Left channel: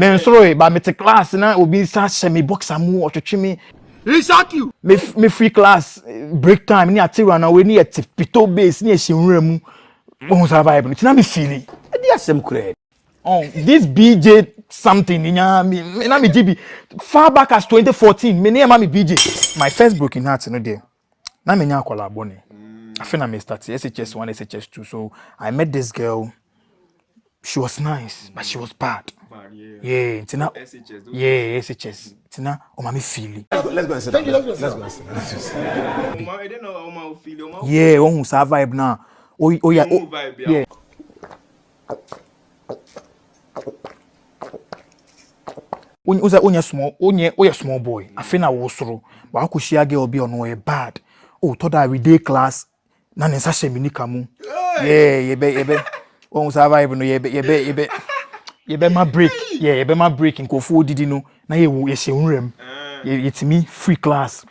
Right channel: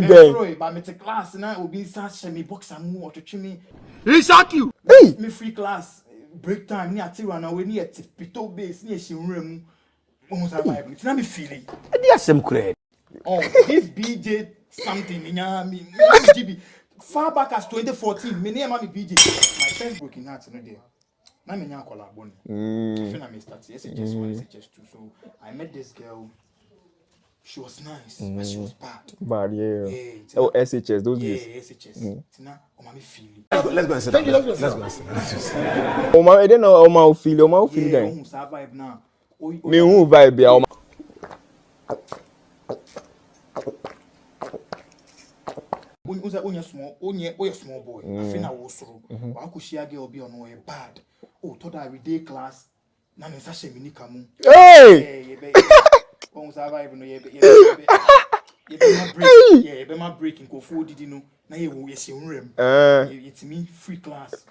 Philip. Man, sorry, but me take class na obi sa semi box amu or me. He shot you. Me free class break time ni ati run away ni pito base ni ehunra mu. Won survive. Tina me feeling. E dey asem kure. Oh, this BJ something me na me GB far back as 2014 me name me BJ. My first broken heart no there. Na me nya akwala abone. I feel na me start SHS 1 SHS 2 so I met this girl. She was nice, but she was bad. Bad, yeah. Yeah, Tina. Oh, SHS, those days. SHS. Tina, my feeling. Let's go and sit down. Let's go and sit down. Oh my, I don't know how feel. Yeah, who survive now? Oh, yeah, who vibe yeah. Onya small boy. I feel na wosoro. Wa akushia girl be on way bad. Oh, thought that we day class. Na nsa shemi kamu. Hey! Yeah, yebe. Who survive no yebe my break. Yeah, yebe my break in kofu didi no. Na ye she unrem. It's me free class.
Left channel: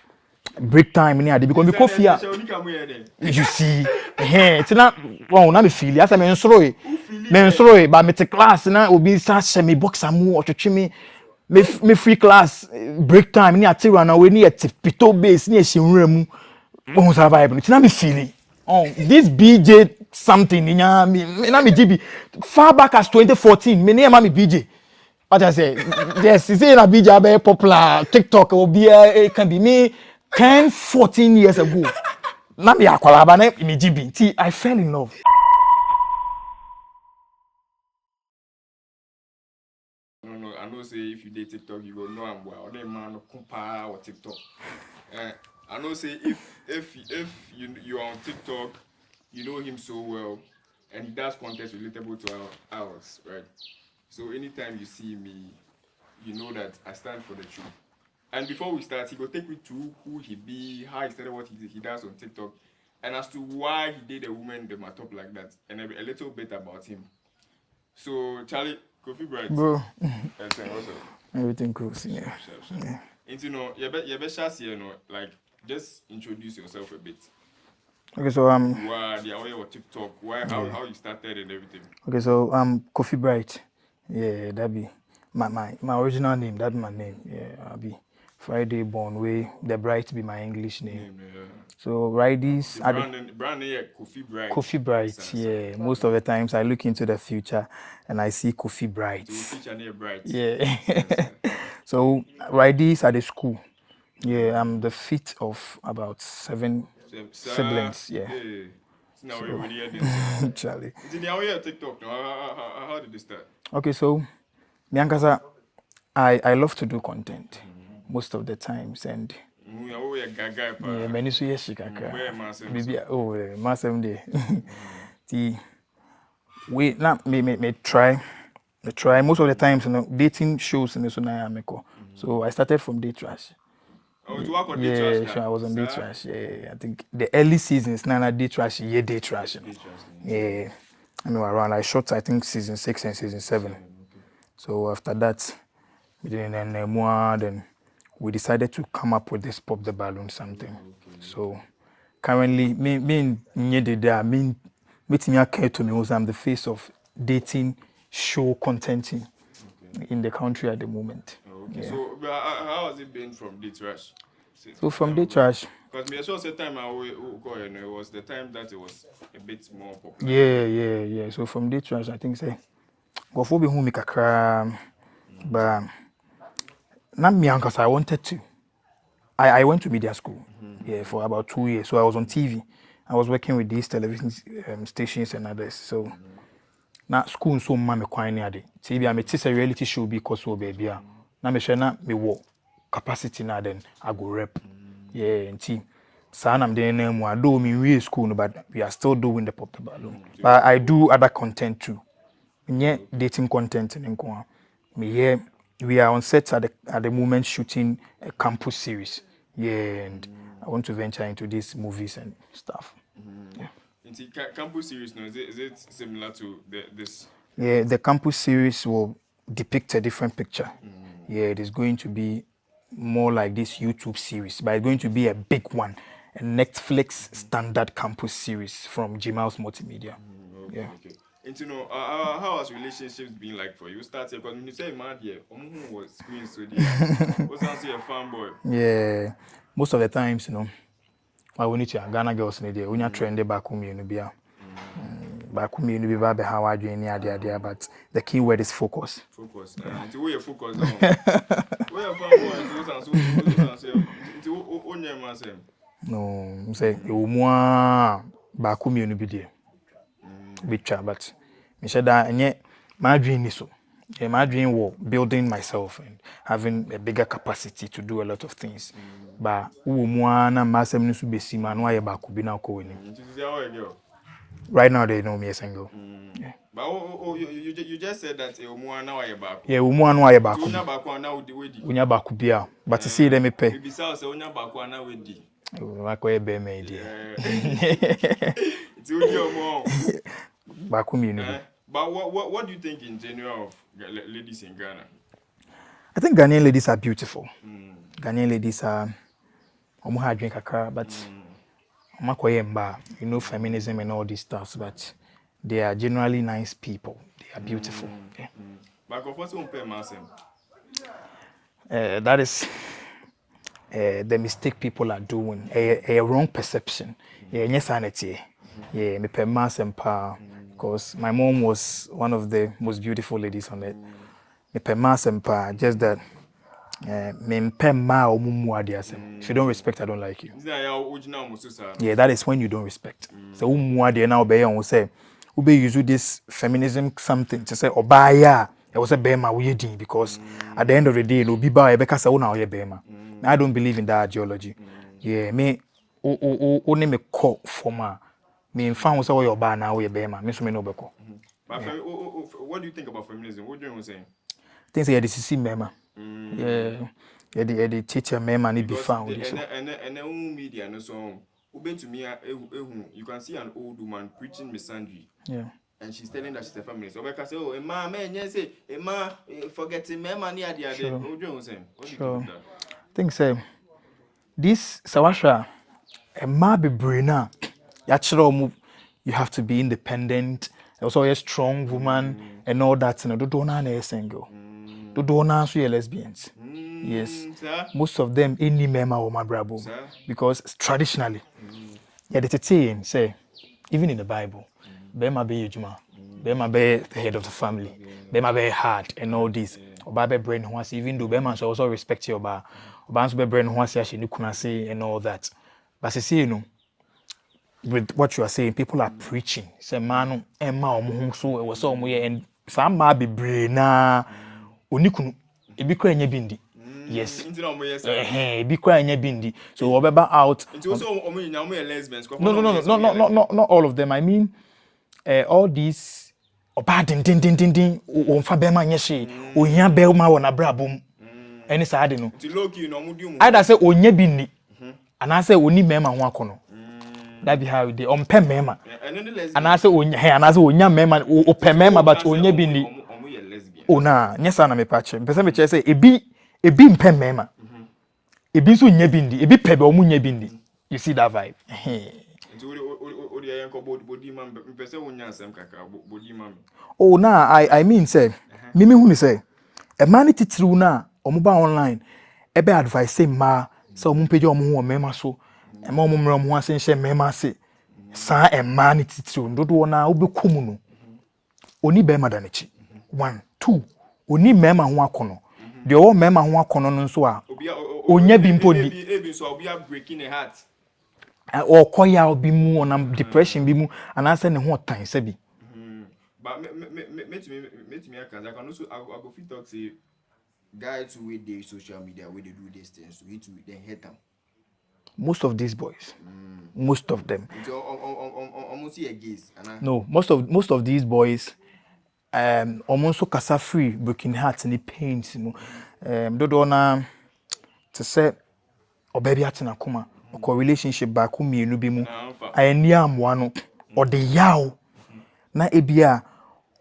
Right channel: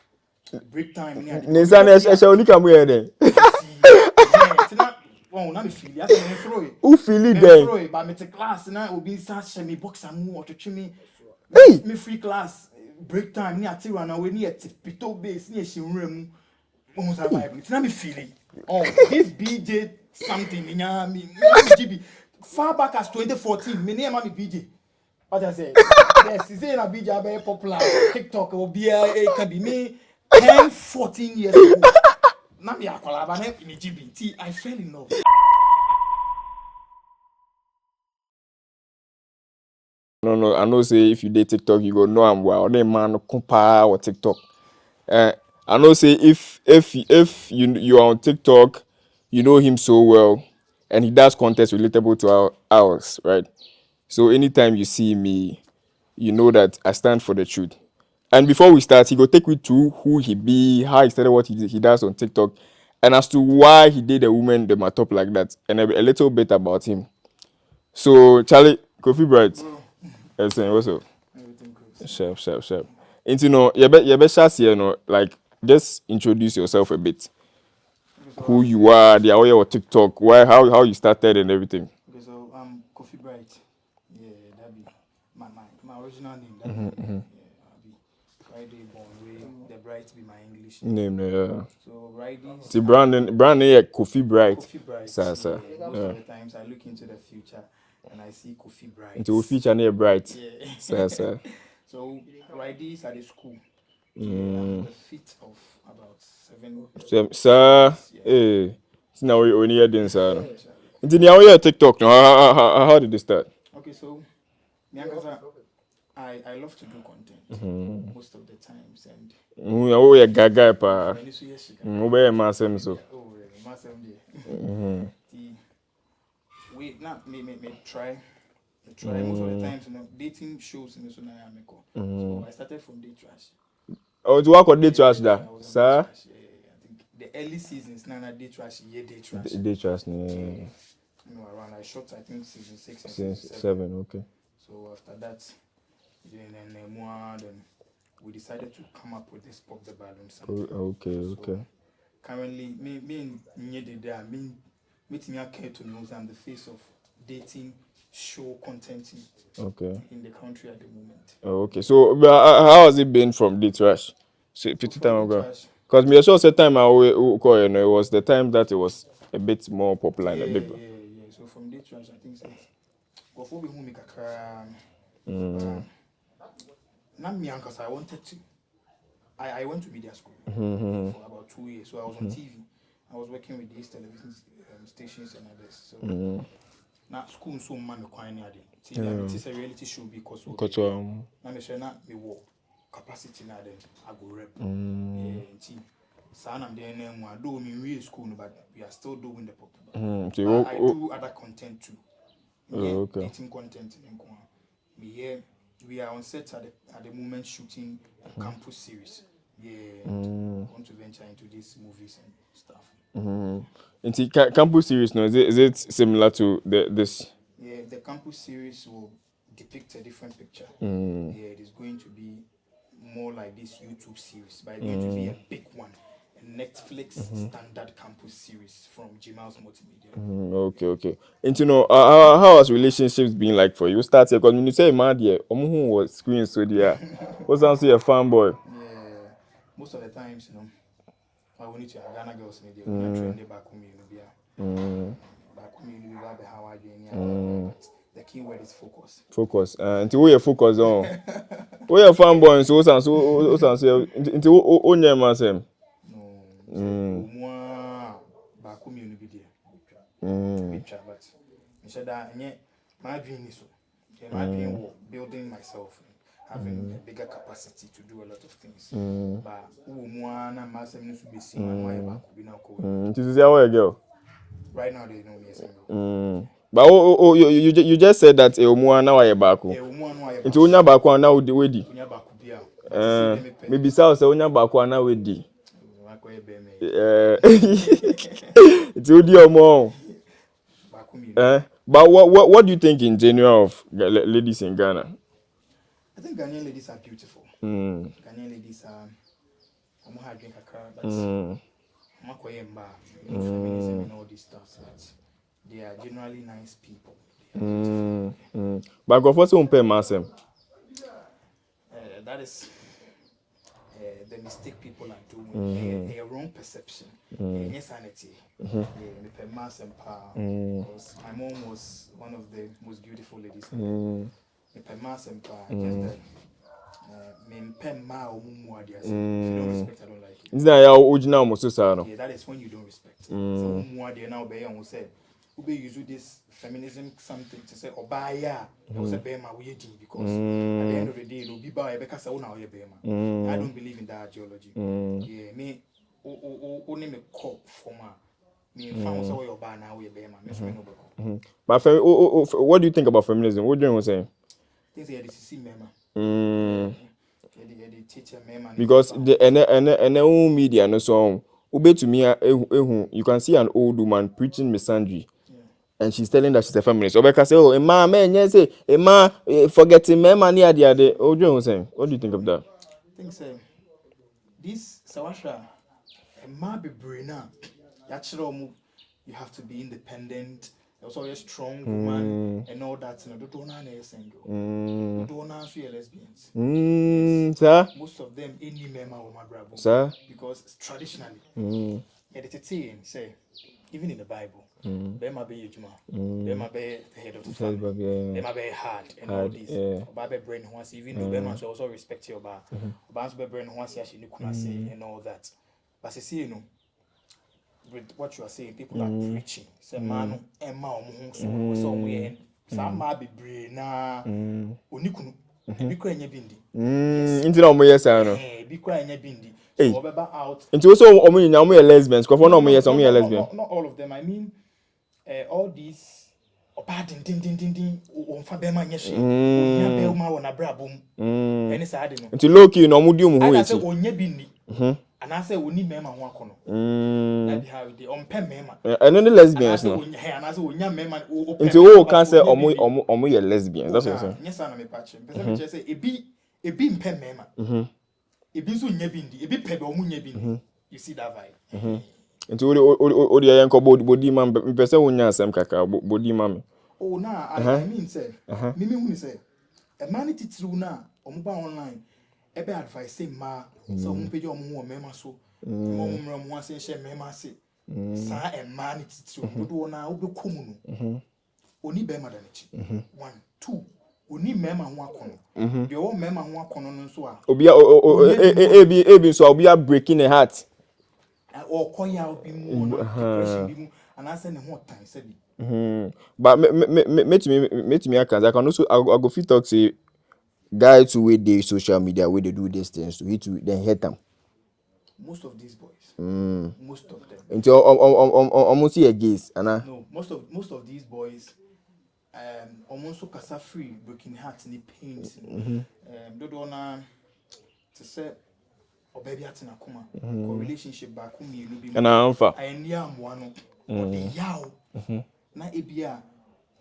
Break time ni ade because you see it's not well na me feel as me nsoro e who feel me nsoro e but me te class na obi sa she me box amu otwetwe me free class break time ni ati run away ni pito base ni ehunra mu won survive it's not me feeling this BJ something ni nya me na me GB far back as 2014 me name me BJ what I say yes you say na BJ be popular TikTok obi can be me 10, 14 years ago. Na me akwalaba na me GB. I fell in love. No, I know say if you date TikTok, you go know I'm well. They man compare or TikTok. I know say if you are on TikTok, you know him so well, and he does content relatable to ours, right? So anytime you see me, you know that I stand for the truth. And before we start, he go take me to who he be, how he started what he does on TikTok, and as to why he did a woman them top like that, and a little bit about him. So Charlie, Kofi Bright, Bro. what's up? Everything cool. Sharp. Yeah. And you know, you bet you know, like just introduce yourself a bit. Okay, so who you are, the way your TikTok, how you started and everything. Okay, so Kofi Bright. Yeah, that be my original name. That's my name. Yeah, I'll be Friday born way. The Bright be my English name. Yeah. So Righties. The brand name Kofi Bright. Kofi Bright. Yeah. Most of the times I look into the future and I see Kofi Bright. So future name Bright. Yeah. Sir. So Righties at the school. Yeah, I'm the fifth of about 7 siblings. Yeah. Hey. So now we hear this, sir. Charlie. Now we TikTok. How did it start? Okay, so Miankasa, I love to do content most of the times and we gaga pa. Many so yes shika. We masem so. Oh, masem dey. The we na me try most of the times you know dating shows and so na ameko. So I started from Day Trash. Oh, to work on Day Trash that. I was on Day Trash. Yeah, I think the early seasons na Day Trash, Day Trash. Day Trash. Yeah. I mean around I shot I think season 6 and season 7. Okay. So after that, then we decided to come up with this Pop the Balloon something. Okay. So currently, me care to me was I'm the face of dating show contenting in the country at the moment. Okay. Yeah. So how has it been from Day Trash? So from Day Trash. Because me sure said time it was the time that it was a bit more popular. Yeah. So from Day Trash, I think say go for be home kakra. But not me because I wanted to. I went to media school for about 2 years. So I was on TV. I was working with these television stations and others. So now school so mama kwani ade. TV I'm a reality show because so baby. Now me share na me work capacity na then I go rep. Yeah, and team. So I'm doing I do me school but we are still doing the pop. But I do other content too. Dating content in Nkwa. We are on set at the moment shooting a campus series. Yeah, and I want to venture into these movies and stuff. Yeah. And the campus series, no, is it similar to this? Yeah, the campus series will depict a different picture. Yeah, it is going to be more like this YouTube series, but it's going to be a big one. a Netflix standard campus series from Gmail's Multimedia. Okay. And you know, how has relationships been like for you? Start here, because when you say man, yeah, who was screen so dear. What's also a fanboy? Yeah, most of the times, I will need to Ghana girls in there. When you're trending back home, back home, how I do any idea, but the key word is focus. Focus. Until we are focused on. We are fanboy, so until own your man. No, say you more back home, you be there. Big chat, but me said that and yet my dream is so. Yeah, my dream was building myself and having a bigger capacity to do a lot of things. But na masem ni su besi ma no aye ba ko bi na ko woni. This is how girl. Right now they know me as single. Yeah. But you just said that Omua now aye back. Yeah, no aye ba. Onya back now we Unya ba ko bia. But to see them me pay. Maybe say onya back now we di. Ma ko e be me. It's odi omo. Back me. But what do you think in general of ladies in Ghana? I think Ghanaian ladies are beautiful. Ghanaian ladies are omo ha drink kakra, but feminism and all these stuff, but they are generally nice people. They are beautiful. But go for some pay masem. That is the mistake people are doing. A wrong perception. Yes, sanity. Yeah, me pay masem pa. Because my mom was one of the most beautiful ladies on earth. Me pay masem pa. Just that. If you don't respect, I don't like you. Yeah, that is when you don't respect. So now be say use this feminism something to say obaya I was a bema because at the end of the day no be ba e say una bema. I don't believe in that ideology. Yeah, me only me call former me fan say we oba na we bema me so me no be call. But what do you think about feminism? What do you say? Things like this is mema. Yeah, the teacher mema ni because the media no so to me you can see an old woman preaching misandry. Yeah. And she's telling that she's a feminist. Obeka say, oh, man, say, man, forgetting me money at the other. What do you think of that? I think say this Sawasha a ma be brainer. You have to be independent. Also a strong woman and all that. Do don't single. Do don't so lesbians. Yes, sir. Most of them any mema or my brabo. Sir. Because traditionally, yeah, the say even in the Bible, Bema be Juma, Bema be the head of the family, Bema be hard and all this. Oba brain once, even though Bema also respect your bar, Oba be brain once she say and all that. But you see, with what you are saying, people are preaching. Say man, Emma so and some ma be brain na onikunu. Ibi kwa nye bindi. Yes. Inti na omo yes ano. Ibi kwa nye bindi. So obeba out. Inti also omo nyina omo lesbians. Kwa no omo yes omo lesbians. Not all of them. I mean all these oba din onfa be ma nye she. Onya be ma wona brabom. Eni sa ade no. Inti low key no omo di omo. Ada say onya bindi. Ana say oni mema ho akono. That be how they on pen mema. And only lesbians. Ana say onya mema o pen mema but onya bindi. Omo ye lesbians. Oh na, nyesa na me pache. Pese me che say ebi mpem mema. Ebi so nya bindi, ebi pebe omo nya bindi. You see that vibe. Nti odi ayenko body man pese wonya asem kaka body man. Oh na, I mean say me hu ni say e man titiru na omo ba online ebe advice say ma so omo page omo ho mema so e ma omo mra omo ho asenhye mema se sa e man titiru dodo na obekomu no oni be ma danechi 1 2 oni mema ho akono de o mema ho akono no so a obi onya bi so obi a breaking a heart or koya obi mu on depression bi mu and answer ne ho tan se bi but me I can also I go fit talk say guys who with the social media where they do these things to then hate them. Most of these boys, most of them. Until almost a gaze, no. Most of these boys, almost so kasa free, broken hearts and the pains, do na to say, or baby at na kuma, or relationship back home you no be more. I am one or the yaw na ebia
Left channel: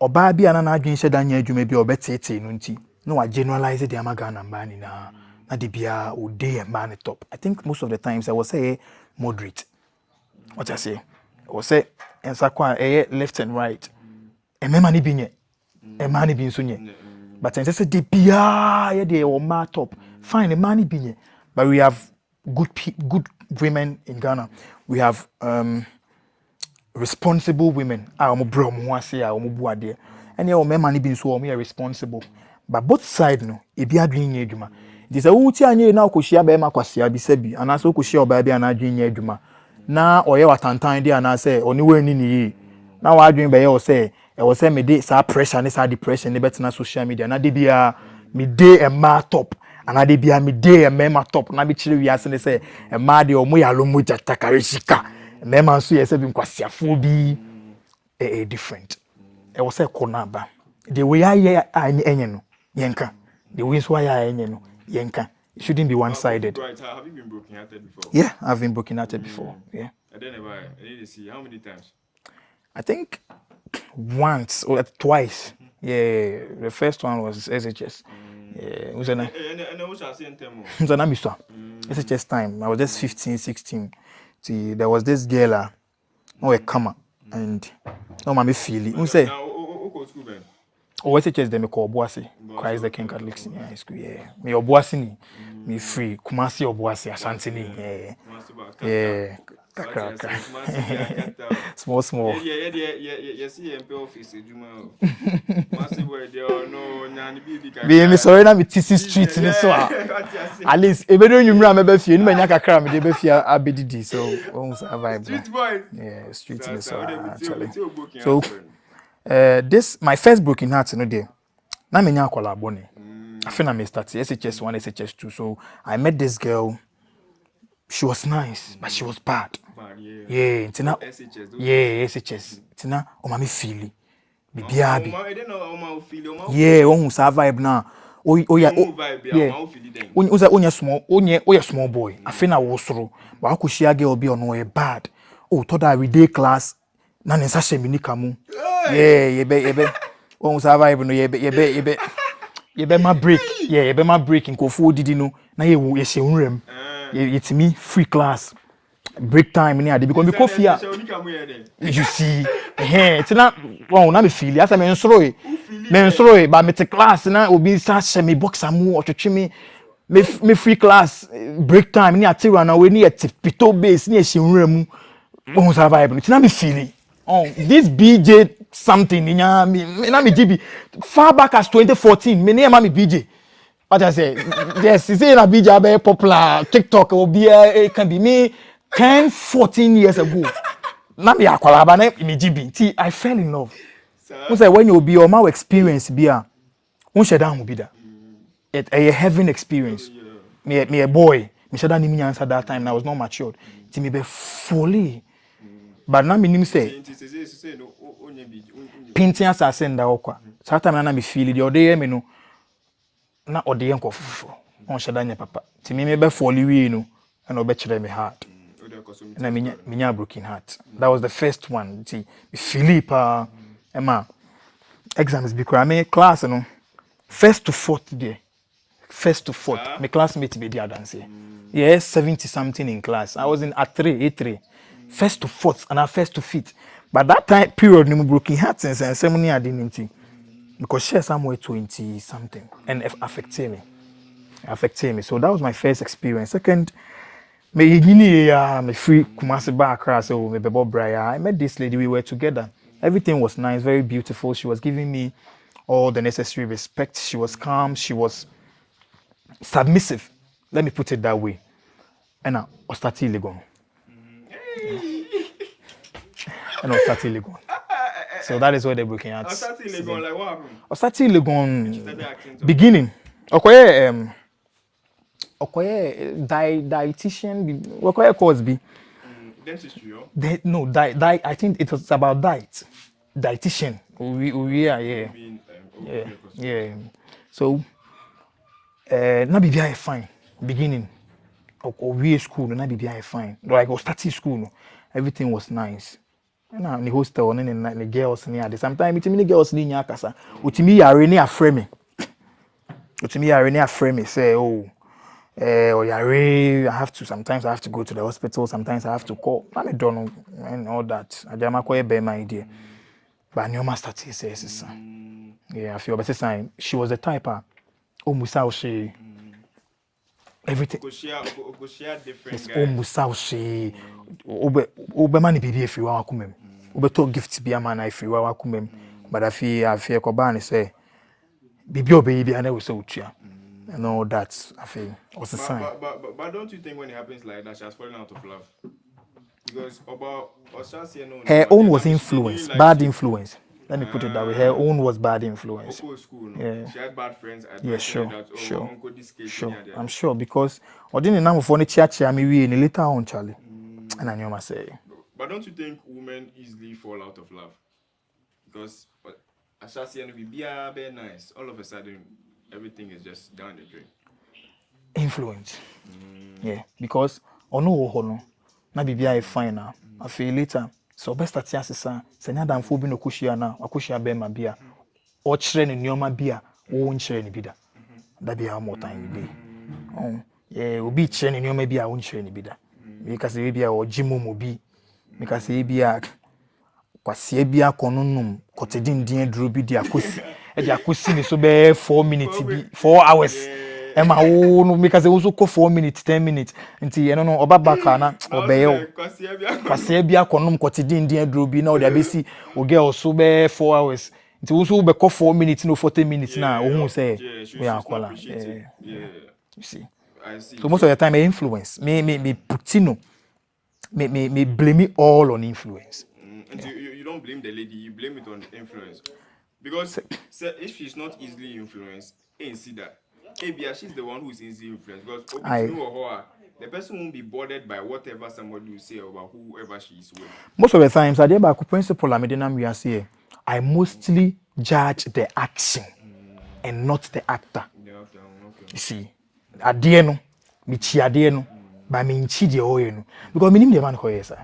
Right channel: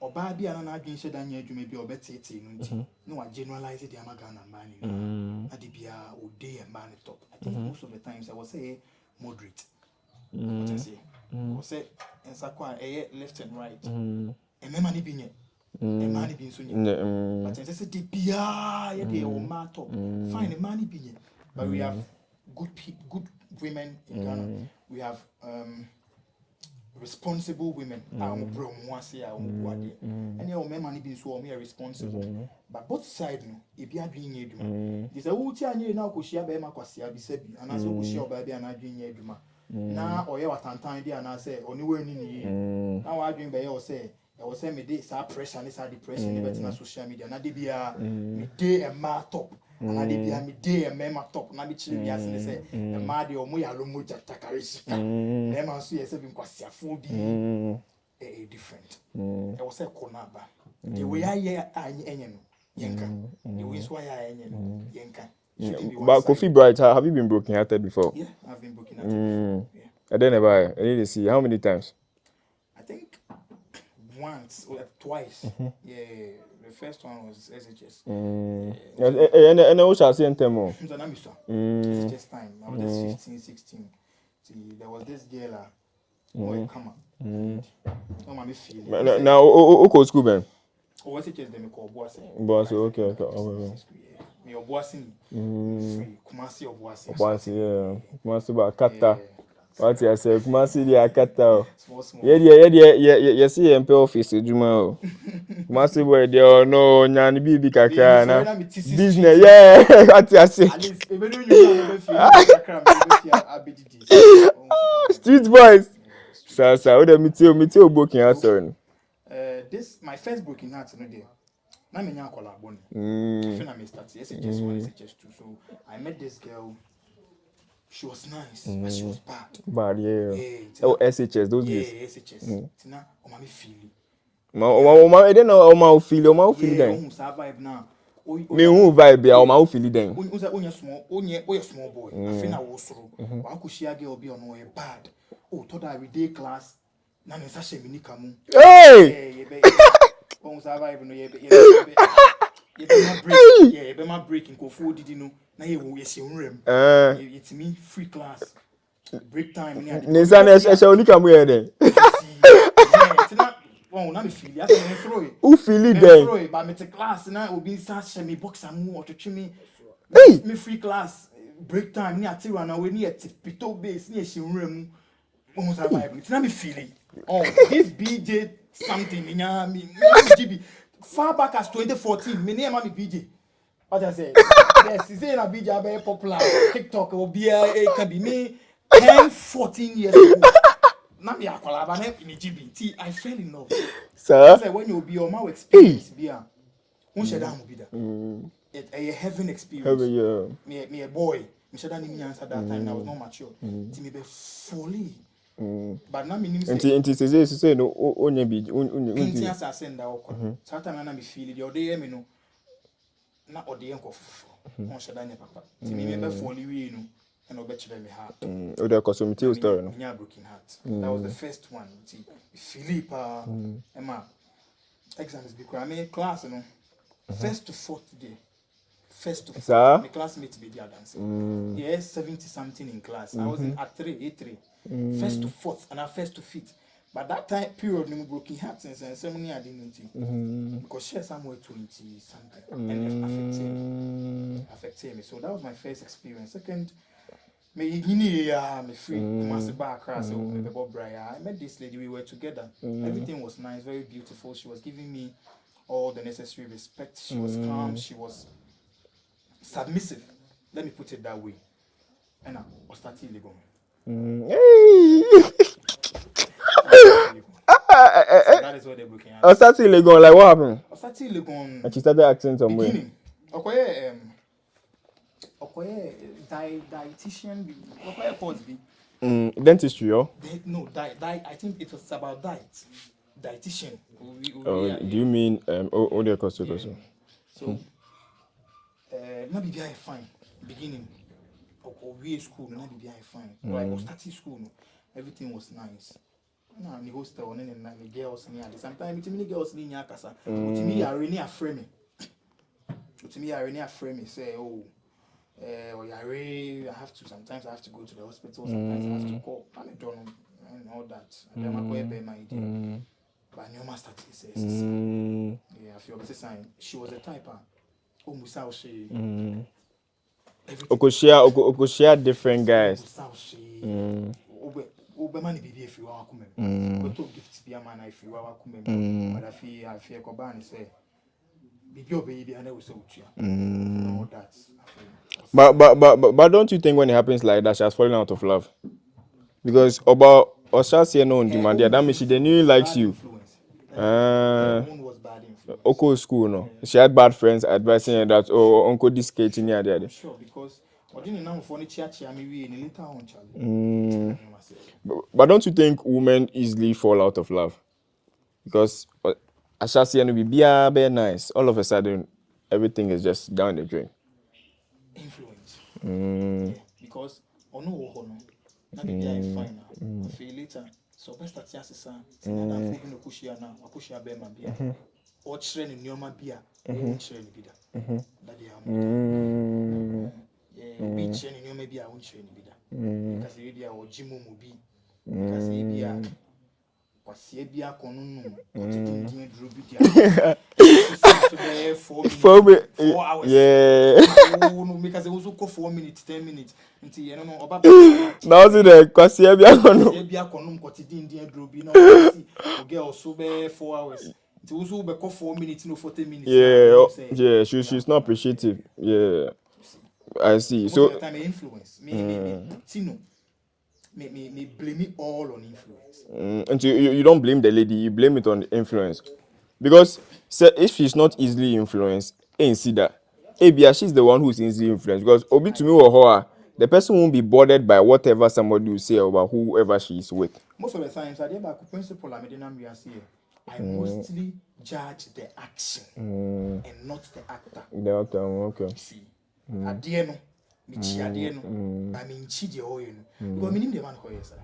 or baby and an adwin said anya you may be or better nunti. no I generalize the Amagana man na the bia o day and man top. I think most of the times I will say moderate. What I say? I will say and sakwa left and right. And me mani binye. And mani bin sunye. But I say the bia the o ma top. Fine, the mani binye. But we have good women in Ghana. We have responsible women. Omo bro mo ase a omo bu ade. And your men mani bin so omo responsible. But both side no, e bi adwin nye adwuma. It is a wuti anye na akohia be ma kwasia bi sabi. Anaso akohia oba bi ana adwin nye adwuma. Na oye watantan de ana say oni wani ni yi. Na wa adwin be ye o say e wo say me de sa pressure ne sa depression ne betina social media na de bia me de e ma top. Ana de bia me de e ma top na be chire wiase ne say e ma de omo ya lo mo jatakare shika. Na ma so ye say bi kwasiafo bi different. E wo say corner ba. The way I enye no yenka. The way so I enye no yenka. It shouldn't be one-sided. Kofi Bright, have you been broken-hearted before? Yeah, I've been broken-hearted before. Yeah. I don't know. I need to see how many times. I think once or twice. Yeah, the first one was SHS. Yeah. And I shall see in Temo. SHS time. I was just 15, 16. See, there was this girl, a come and no mommy feel it. Now, Oko school man. Oh, SHS dem call Obuasi. Christ the King Catholic School. Yeah. Me Obuasi ni. Me free. Kumasi Obuasi Ashanti ni. Yeah. Kumasi ba kata. What you say? Kumasi ya kata. Small. Yeah. See MP office ejuma o. Kumasi boy there no nyani bi kakra. Be sorry na me TC street. Yeah. What you say? At least e be do you me be fie. Ni me kakra me be fie abedidi. Street boys. Yeah, street. Sasa o de meti obokin asori. This my first broken heart no there. Na me nya akwala bone. I feel na me start SHS 1, SHS 2. So I met this girl. She was nice, but she was bad. Bad, yeah. Yeah, Tina, SHS, those yeah, SHS. Tina, o mami feeli. I don't know o ma feel. Yeah, o hu sa vibe na. O vibe ya o ma feel then. Onya small boy. I feel na wo soro. Wa akohia girl bi ono e bad. Oh, thought that we day class. Na nsa shemi ni kamu. Hey! Yeah, yebe. O sa vibe no yebe ma break. Yeah, yebe ma break in kofu didi no. Na ye she unrem. It's me free class. Break time ni ade because she only come here then. You see. Yeah, it's not na me feel. After me nsoro e. Who feel it? Me nsoro e ba me te class na obi sa shemi box amu otwetwe me free class break time ni atiwa na we ni pito base ni she unrem. O sa vibe. It's not me feeling. Oh, this BJ something in me GB far back as 2014. Me name me BJ. What I say? Yes, you say na BJ very popular. TikTok will be it can be me 10, 14 years ago. Na me akwala ba na me GB. I fell in love. Sir, say when you be your my experience be a won share down be that. It a heaven experience. Me a boy. Me share down ni answer that time. I was not matured. Ti me be fully. But na minim say say no onye bi painting assassin nda okwa so time na me feel the ode me no na ode nkofufo on sheda nya papa ti me be fall we no and obe kire me heart ode koso me story me nya broken heart. That was the first one. Ti Philip Emma exams be kra me class no first to fourth day. First to fourth, my classmate be there dancing. Yeah, 70 something in class. I was in A3. First to fourth, and I first to fifth. But that time period, no broken heart since and ceremony I didn't because she somewhere 20 something and affected me. So that was my first experience. Second, me free Kumasi back so me bebo Brian. I met this lady. We were together. Everything was nice, very beautiful. She was giving me all the necessary respect. She was calm. She was submissive. Let me put it that way. And I started Legon. So that is where they're breaking out. I started Legon. Like what happened? I started Legon. And she started acting somewhere. Beginning. Okoye dietitian. Okoye course be. Dentistry, yo. No, I think it was about diet. Dietitian. Yeah. You mean audio course? Yeah. So. Na bibia fine beginning or we school na bibia fine like I started school no everything was nice na the hostel and the girls near the sometimes it me girls ni nya kasa otimi yare ni afre me To me, I really frame me say, oh, or I have to. Sometimes I have to go to the hospital. Sometimes I have to call. I don't know and all that. I just quite bear my idea. But Nyoma started says, yeah, I feel. But this time she was the type of, oh, Musa she everything. Okoshia different guys. Musa she ube mani bibi if you want kumem. Ube to gifts be a man if you want kumem. But I feel Kobani say. Bibi baby, I never saw you. And all that, I feel. But don't you think when it happens like that, she has fallen out of love? Because about Osha no her own was influence, bad influence. Let me put it that way. Her own was bad influence. Oko school, no. Yeah. She had bad friends advising her that uncle this skating near there. I'm sure because I didn't know for any chia me we in later on, Charlie. And I knew myself. But don't you think women easily fall out of love? Because Ashasi and be very nice. All of a sudden, everything is just down the drain. Influence. Yeah, because no, na bibia fine now. I feel later. So best at sasa. Senya dan fo bi no kushia na, akushia be ma bia. O kire ne nyoma bia, wo nkire ne bida. Da bia mo tan bi. Obi kire ne nyoma bia, wo nkire ne bida. Because e bia o jimu mo bi. Because e bia kwase bia kononum kotedindin aduro bi dia akosi so be 4 minutes 4 hours ma wo no because also ko 4 minutes 10 minutes nti eno no oba baka na kwase bia kononum kotedindin aduro bi na o dey see o get also be 4 hours nti wo so be ko 4 minutes no 40 minutes na o say she's not appreciative. You see, I see. So most of the time influence me putino me blame it all on influence. And you don't blame the lady, you blame it on the influence. Because if she's not easily influenced, ain't see that. She's the one who's easily influenced. Because Obi to me or her, the person won't be bothered by whatever somebody will say about whoever she is with. Most of the times, I did principle I mostly judge the action and not the actor. The actor, okay. You see, at the end, but me because me the man sir.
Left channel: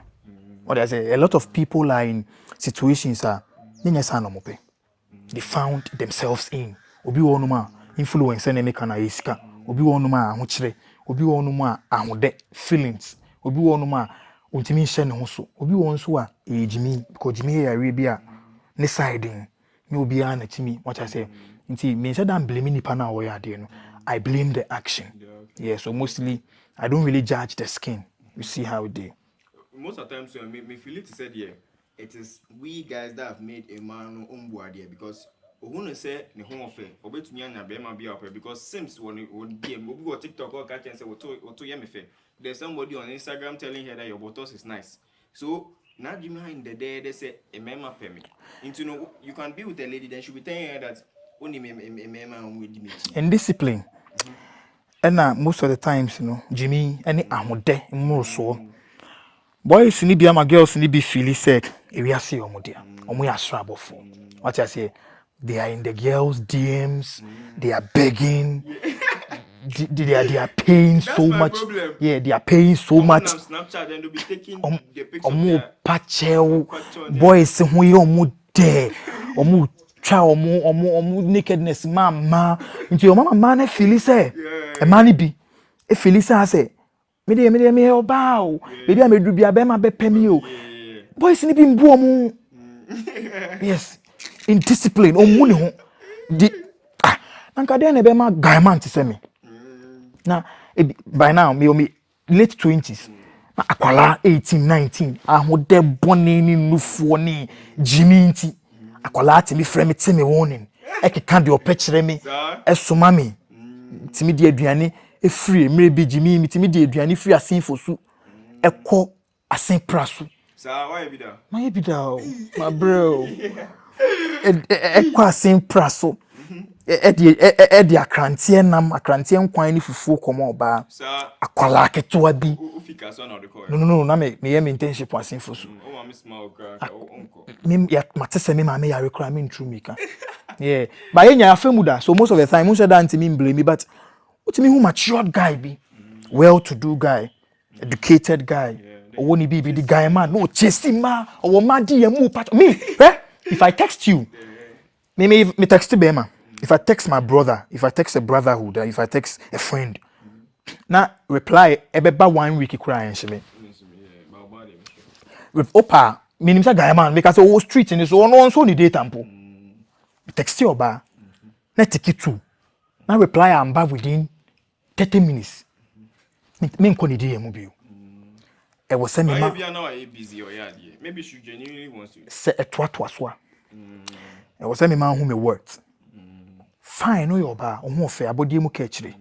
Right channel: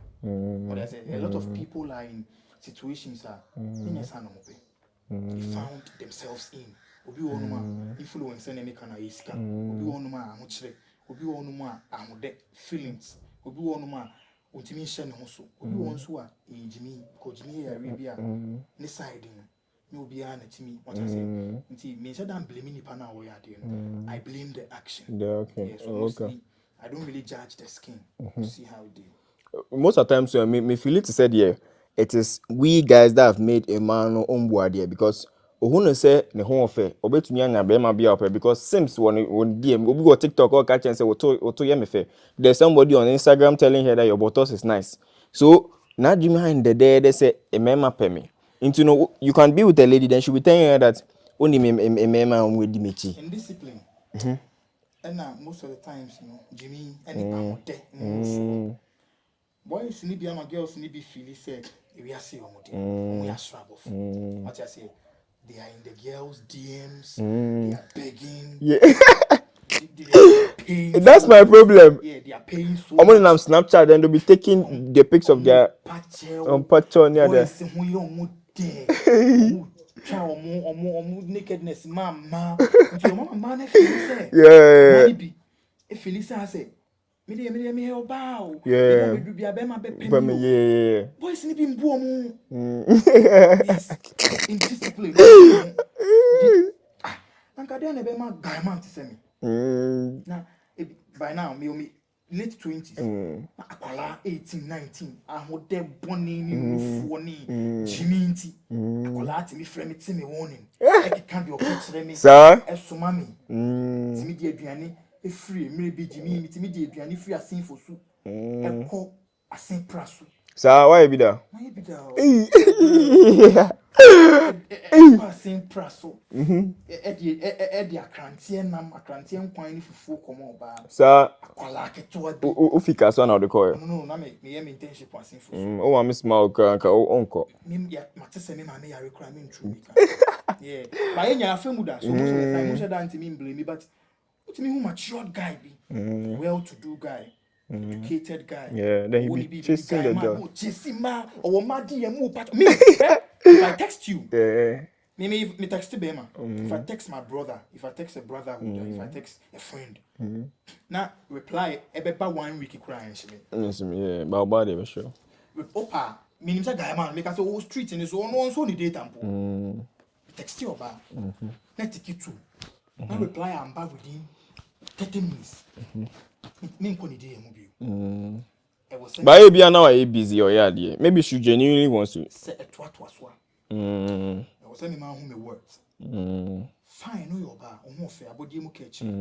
Or there's a lot of people are in situations they found themselves in. Obi wonu ma influence na make na isika. Obi wonu ma ahokyere. Obi wonu ma ahode feelings. Obi wonu ma untimi hye ne ho so. Obi wonu so a ejimi because jimi ya we bia ne siding. Me obi a na timi what I say. Nti me say that blame nipa na wo ya de no. I blame the action. Yeah, so mostly I don't really judge the skin. You see how it is. Most of the times, me feel it said yeah, it is we guys that have made a man on board here because who say ne home affair obet me anya be ma be up because Sims won be obi go TikTok or catch and say what to me fair. There's somebody on Instagram telling her that your botos is nice. So now you behind the day they say a mema pay me. Into know you can be with a lady then she will telling her that only me mema with the and discipline. And most of the times, you know, Jimmy, any amode, more so. Boys ni be my girls ni be feel said, we are see omudia. We are strap off. What I say, they are in the girls' DMs, they are begging. Yeah. they are paying. That's so my much. problem. Yeah, they are paying so much. On Snapchat and they'll be taking the pics of their boys who you omu there. Omu try omu nakedness mama. Into your mama man feel say. Yeah. Money be. E feel say. Me oba baby am do bia be ma be pem you boys ni bi mbu omu yes in discipline omu ni ho di anka dey na be ma guy man to say me na by now me late 20s na akwala 18 19 ahode boni ni nufuo ni jimi nti akwala ti mi frame ti me warning e keka de opekere me esoma me ti mi di aduane free maybe Jimmy mitimi de aduane free asen fosu ekọ asen praso sir why be that my be that bro ekọ asen praso e de akrantie nam akrantie nkwan ni fufuo komo oba sir akwala ketewa bi ofika so na de call no na me internship asen fosu o wa miss ma ka onko me ya matese me ma me ya rekura me ntru me ka yeah but enya afemuda so most of the time mo say that anti me blame me but what me who matured guy be well-to-do guy educated guy woni be the guy man no chasing ma or madi mu patch me if I text you Me text Bema. If I text my brother, if I text a brotherhood, if I text a friend, now reply ebeba 1 week crying shime. Yeah, but about it, sure. With Opa, meaning say guy man because all street in so no so ni date tampo. Text your ba. Na take it two. Now reply am back within 30 minutes. Me nko ni dey mu bi. E was send but maybe now I busy or yeah, maybe she genuinely wants to say a twat so. E was send me man who me worked. Fine no your ba, o ho fe abodi mu ka chire.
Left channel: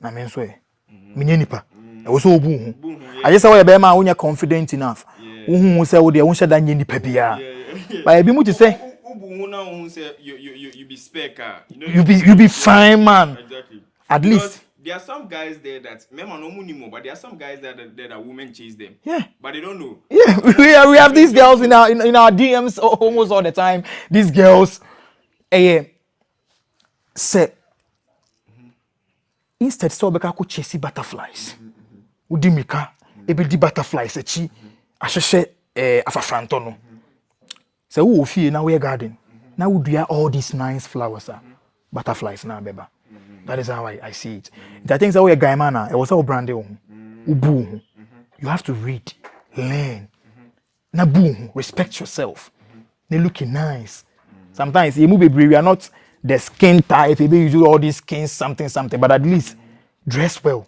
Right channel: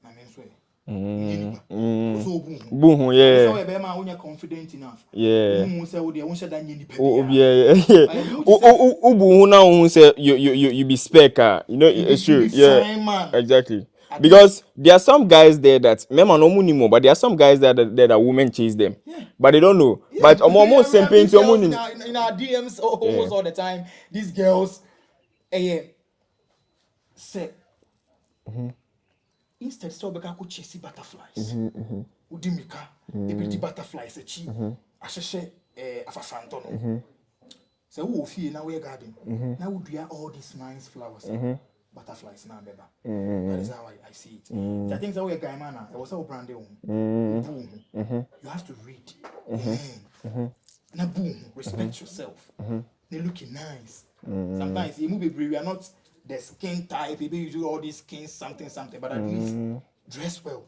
Na me nso e. Minye nipa. E was so bu. yeah. I just say be ma wo confident enough. Yeah. Wo say wo de wo hye da nye nipa bia. Yeah. But be mu to say ubu na who say you be speaker, you know, you be fine man. Exactly. At Because there are some guys there that remember no money more, but there are some guys that women chase them. Yeah. But they don't know. Yeah, Like, we have these girls in our DMs almost all the time. These girls, say, instead so beka ko chase butterflies. Udi mika, ebe di butterflies echi. Ahwehwe afafranto no. Say wo ofie na we garden. Na wo dua all these nice flowers. Butterflies na beba. That is how I see it. The things that we guy man, it was all branded. You have to read, learn. Na boom, respect yourself. They looking nice. Sometimes you move we are not the skin type, maybe you do all these skins something, but at least dress well.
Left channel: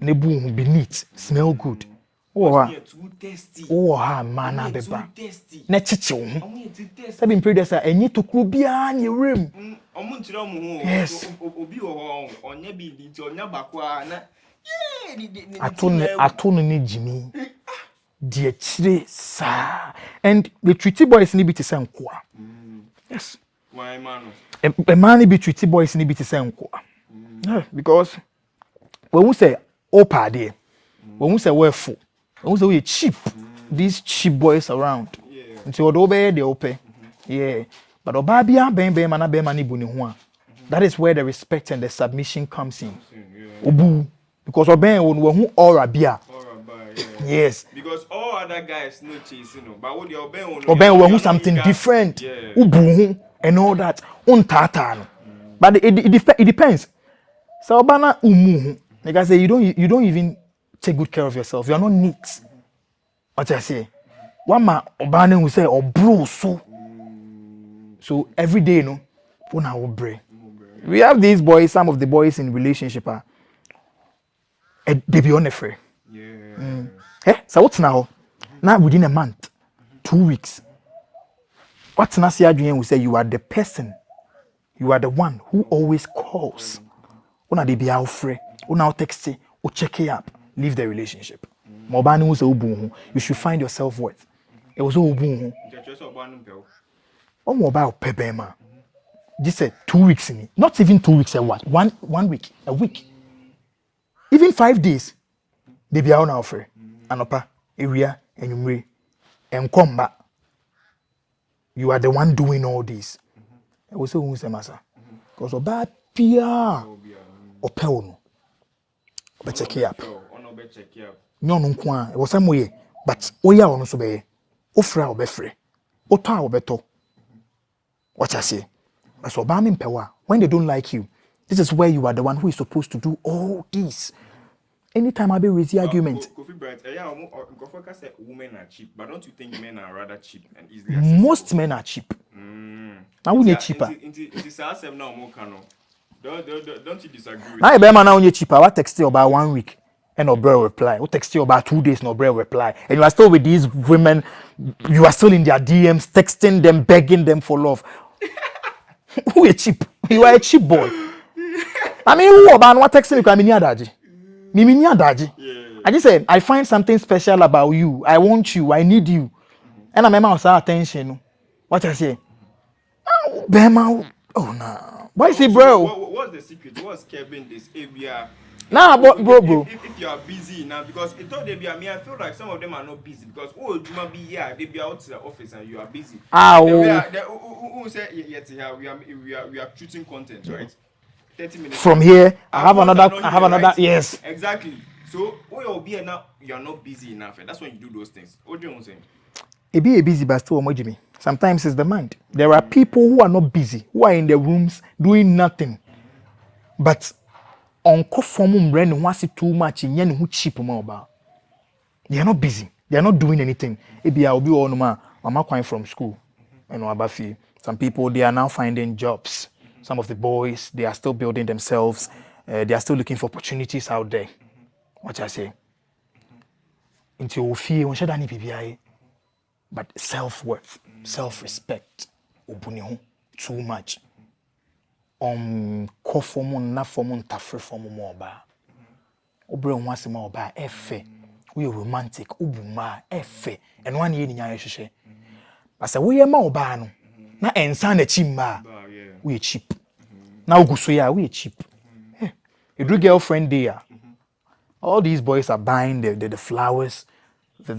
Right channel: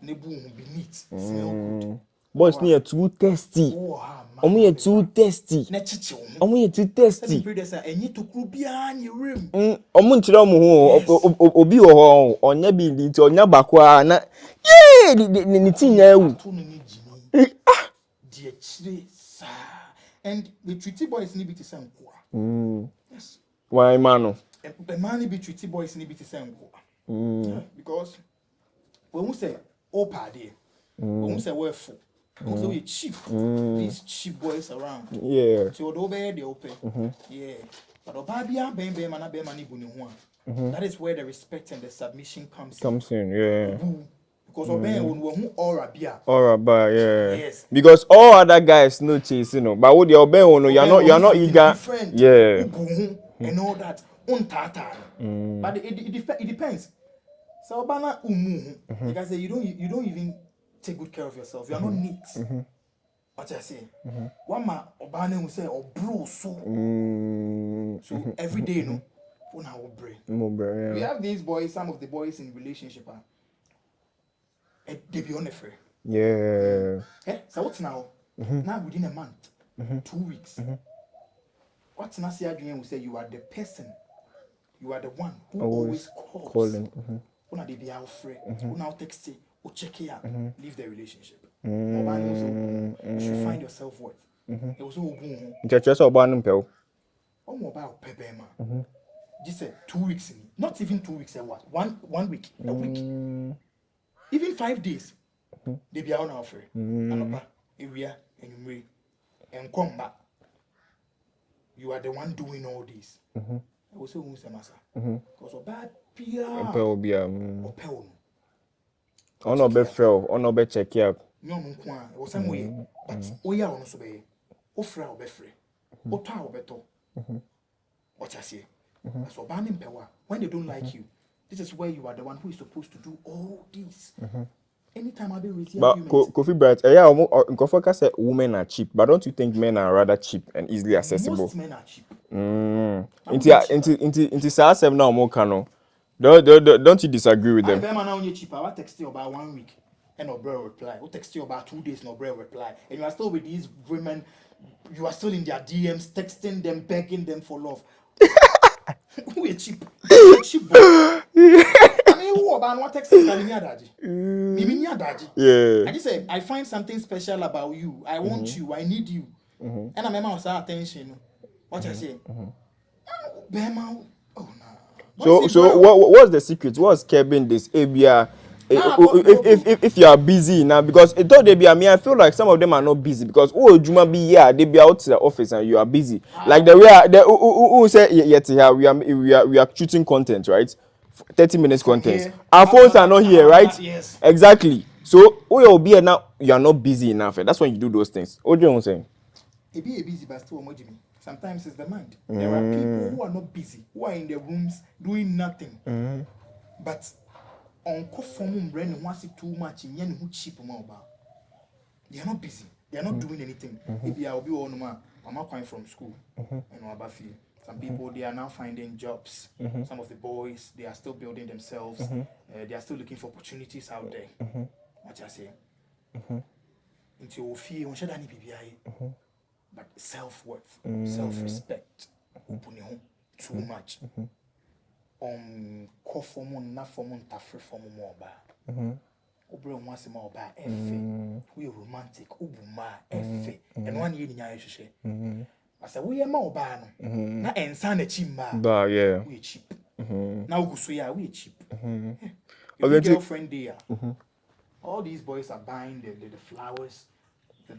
Ne boom, be neat, smell good. Boys near too tasty. Oh man, I'm too tasty. Na chichi. I'm too tasty. That predecessor, enyi to krubia ni rim. Omo ntira mo ho obi ho onya bi nti onya bakwa na yeah ni tin na ewu atunu ni jimi. Die chire sa. And the treaty boys ni bi te say nkoa. Yes. Why man? A man be treaty boys ni bi te say nkoa. Yeah, because when we say opa there, when we say we full, when we say we cheap, these cheap boys around. Yeah. So do be the open. Yeah. But obabia ben mana ben mani bu ni ho a. That is where the respect and the submission comes in. Something, yeah. Obu. Because oben won aura bia. Aura ba, yeah. Yes. Because all other guys no chase, you know. But what the oben won, you're not something different. Yeah. Ubu and all that. Untata no. But it depends. So obana umu. Like I say, you don't even take good care of yourself. You are not neat. What I say? One man obana who say or bro so. So every day, no, when I will pray. Yeah. We have these boys, some of the boys in relationship are they be on the free. Yeah. So what's now? Now within a month, 2 weeks. What's now see we say you are the person, you are the one who always calls. When they be out free, when now text say, or check it up, leave the relationship. You should find your self-worth. It was all boom. About pebema. This said 2 weeks in it. Not even 2 weeks, what? One week, a week. Even 5 days. They be out now free. Anopa, area, and you may and come back. You are the one doing all this. I was so say massa. Because oba pia or peono. On be check up. No nko it was some way. But oya ono so be ofra obefre. Ota obeto. What I say? So oba me pewa. When they don't like you, this is where you are the one who is supposed to do all this. Anytime I be raise argument. Kofi Bright, Nkofaka say women are cheap, but don't you think men are rather cheap and easily accessible? Most men are cheap. Now we cheaper. Into say now more cano. Don't you disagree with that? I be man now you cheaper. What text you about 1 week and no bro reply. What text you about 2 days no bro reply. And you are still with these women. You are still in their DMs, texting them, begging them for love. Who is cheap? You are a cheap boy. I mean, who about what text you? I mean, yeah. I just said I find something special about you. I want you. I need you. And I'm also attention. What I say? Oh, Bema. Oh no. What is it, bro? What's the secret? What's keeping this ABR? Nah, if you are busy now, because it told they be I mean, I feel like some of them are not busy because Juma be here, they be out to the office and you are busy. Like the way who say yet here we are shooting content, right? 30 minutes from content. Here. Our phones are not here, right? Yes. Exactly. So you'll be now you are not busy enough. That's when you do those things. What do you want to say? It be a busy but still Jimmy. Sometimes it's the mind. There are people who are not busy, who are in their rooms doing nothing. But on form brand wants it too much in who cheap about. They are not busy. They are not doing anything. Maybe I'll be on mama coming from school and Abafi. Some people they are now finding jobs. Some of the boys they are still building themselves. They are still looking for opportunities out there. What I say? Into fear, on shada ni PBI. But self-worth, self-respect, too much. Koformon, na formon, tafre formon more ba. Obre once more ba, efe. We romantic, ubuma, efe. And 1 year in your sheshe. I say, we are more ba no. Na ensan a chimba. Yeah. We cheap. Now gusuya, we cheap. Every girlfriend there. All these boys are buying the flowers. The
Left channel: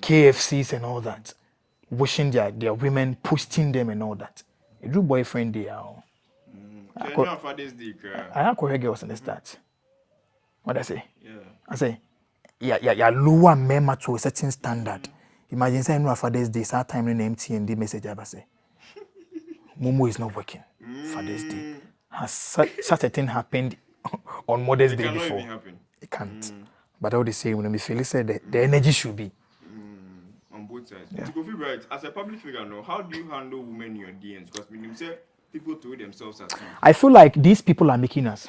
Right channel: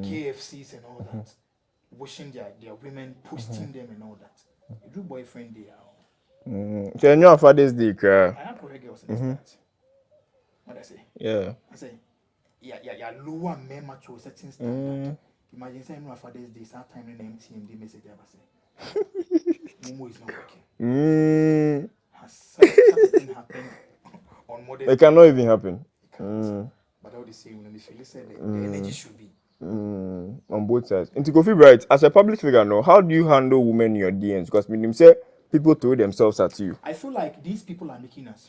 KFCs and all that, wishing their women, posting them and all that. A true boyfriend they are. So you know Father's Day, I have correct girls in the start. What I say? Yeah. I say, yeah, lower member to a certain standard. Imagine saying no Father's Day, that time in MTN, the message I say, Momo is not working. Father's Day has such a thing happened on Mother's Day. It cannot even happen. It can't. But all the same, when me feel said the energy should be on both sides. And to Kofi Bright, as a public figure now, how do you handle women in your DMs? Because me say people throw themselves at you. I feel like these people are making us.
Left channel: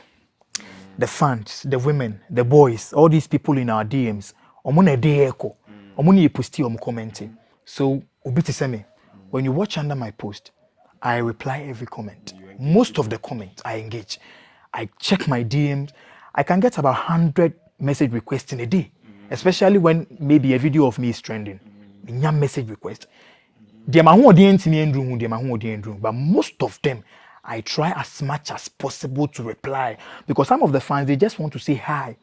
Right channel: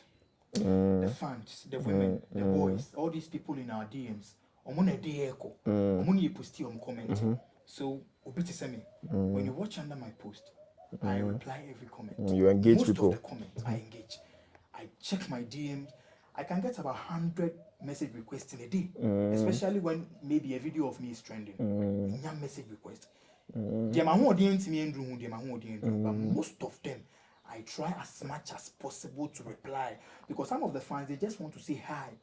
The fans, the women, the boys, all these people in our DMs. Omuna de echo. Omuna you posti commenting. So ubiti say me. When you watch under my post, I reply every comment. Most people. of the comments I engage. I check my DMs. I can get about 100 message requests in a day, especially when maybe a video of me is trending. Message request. But most of them, I try as much as possible to reply because some of the fans they just want to say hi.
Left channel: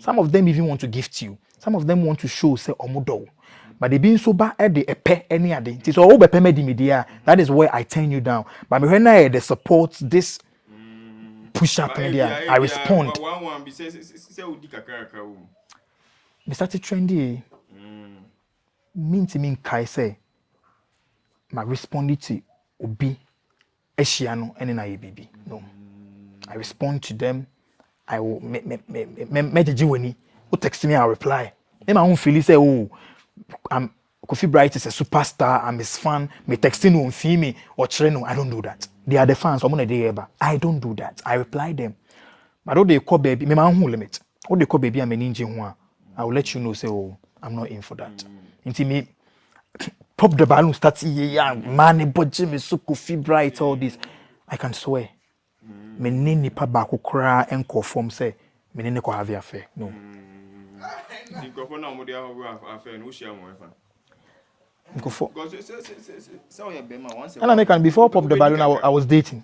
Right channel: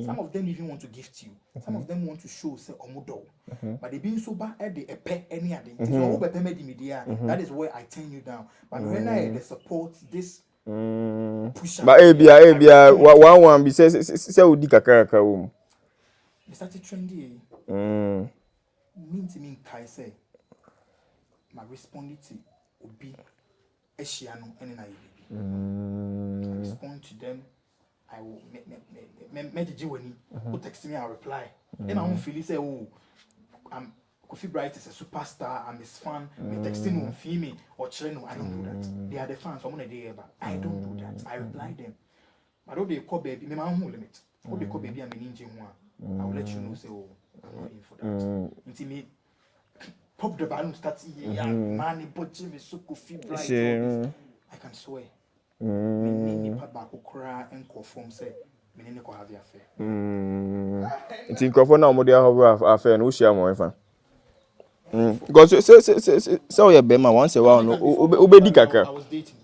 Some of them even want to gift you. Some of them want to show say omodo. But they being so bad at the epe any other. It is all media. That is where I turn you down. But when they support this. Push up. But one be say udi kakaraka we started trendy. Mean to mean kai say my responded to obi eshiano and na baby. No. I respond to them. I will me who text me, I'll reply. Then my own feel say, oh, Kofi Bright is a superstar. I'm his fan. Me texting on me or Treno. I don't do that. They are the fans. I'm gonna do but I don't do that. I reply them. But all they call baby, me my own limit. All they call baby, I'm an engine one. I will let you know. Say, oh, I'm not in for that. Until me pop the balloon, start man, budget me so Kofi Bright. All this, I can swear. Me nini pa baku kra enko form say. Me nini ko have affair. Until Kofi na omodi have affair. No share more ifan. Because so your bema once a while. Before I was dating.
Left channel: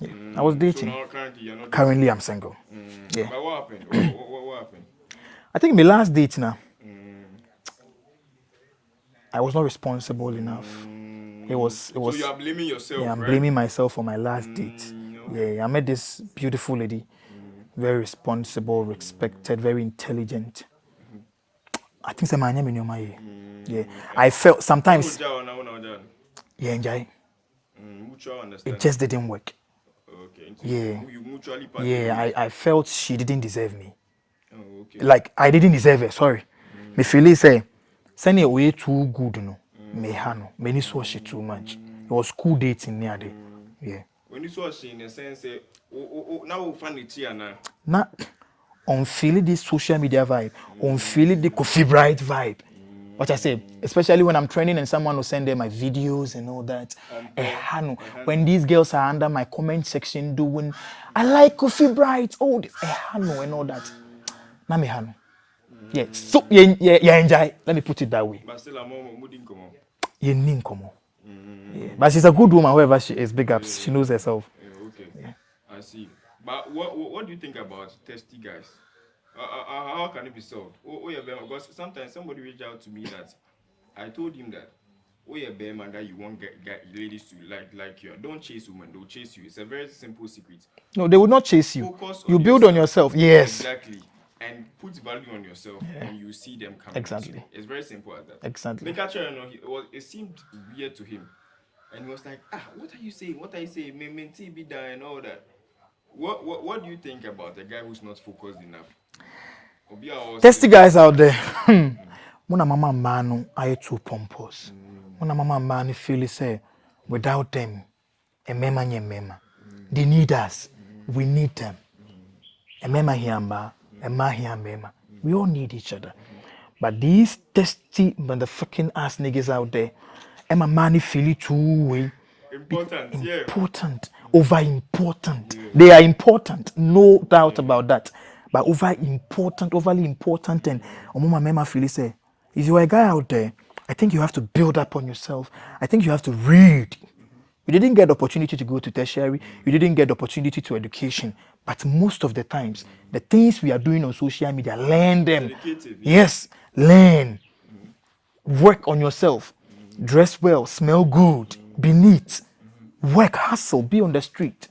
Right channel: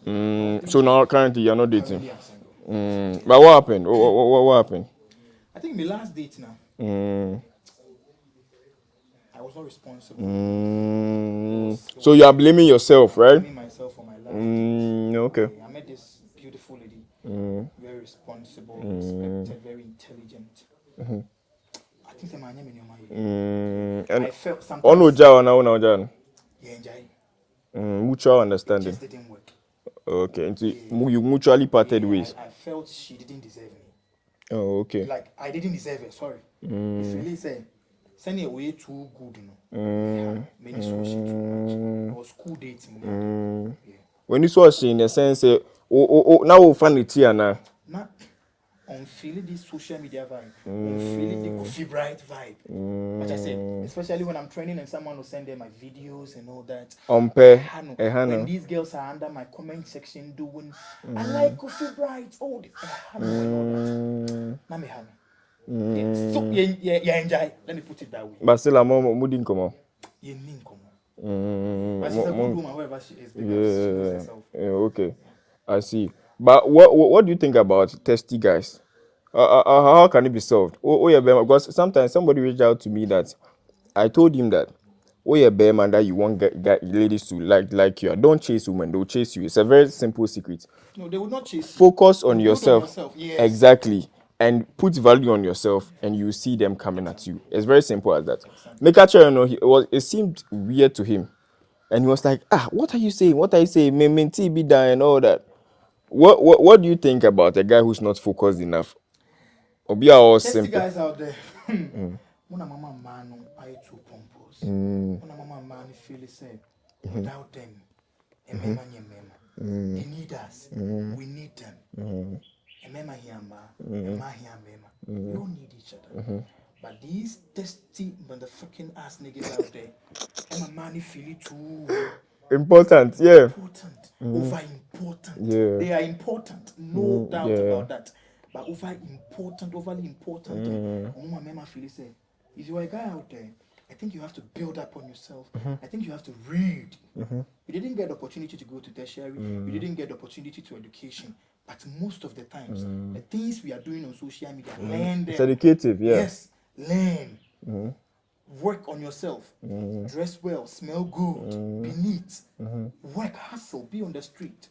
I was dating. So now currently you're not dating. Currently I'm single. Yeah. But what happened? What happened? I think my last date now. I was not responsible enough. It was so you are blaming yourself, right? I'm blaming myself for my last date. Okay. Yeah, I met this beautiful lady, very responsible, respected, very intelligent. I think my name in my I felt sometimes. Yeah, enjoy. Mutual understanding. It just didn't work. Okay. You mutually parted ways. I felt she didn't deserve me. Oh, okay. Like I didn't deserve her. Sorry. Me feel say, send it way too good, no. Me saw she too much. It was school dating near there. Yeah. When you saw she in the sense, now we find it here now. Not on feeling this social media vibe, on feeling the Kofi Bright vibe. What I say, especially when I'm training and someone will send them my videos and all that. When these girls are under my comment section doing, I like Kofi Bright, oh, this and all that. Na me hano. Yeah, so yeah, enjoy. Let me put it that way. But still, I'm mooding come on. You need come on. But she's a good woman, whoever she is. Big ups. She knows herself. Okay, I see. But what do you think about testy guys? How can it be solved? Because sometimes somebody reached out to me that I told him that you're bear man that you want ladies to like you. Don't chase women; they'll chase you. It's a very simple secret. No, they will not chase you. Focus on you build yourself. on yourself. Yes, exactly. and put value on yourself, and you see them coming at you. Exactly. It's very simple as that. Exactly. Make a you know, it seemed weird to him, and he was like, what are you saying? What are you saying? Me be down and all that. What do you think about a guy who's not focused enough? Or be all Testy simple? guys out there. Muna mama manu I too pompous. Muna mama manu feel say without them, a mema nye mema. They need us. We need them. A mema hiamba, a ma hiamba. We all need each other. But these testy motherfucking ass niggas out there, Emma mani feel it too way. Important, yeah. Important, over important. Yeah. They are important, no doubt about that. But overly important, and Omuma Mema Philly say, if you are a guy out there, I think you have to build up on yourself. I think you have to read. You didn't get the opportunity to go to tertiary. You didn't get the opportunity to education. But most of the times, the things we are doing on social media, learn them. It's educative, yeah. Yes, learn. Work on yourself. Dress well, smell good, be neat. Work, hustle, be on the street.